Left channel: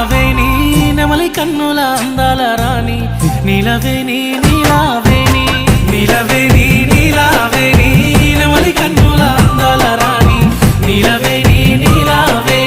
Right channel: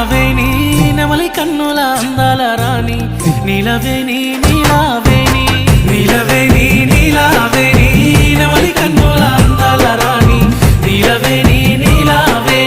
నీలావేణి నెమలి కన్నుల అందాల రాణి నీలవేణి నీలావేణి నీలవేణి నీలావేణి నెమలి కన్నుల అందాల రాణి నీలవేణి నీలావేణి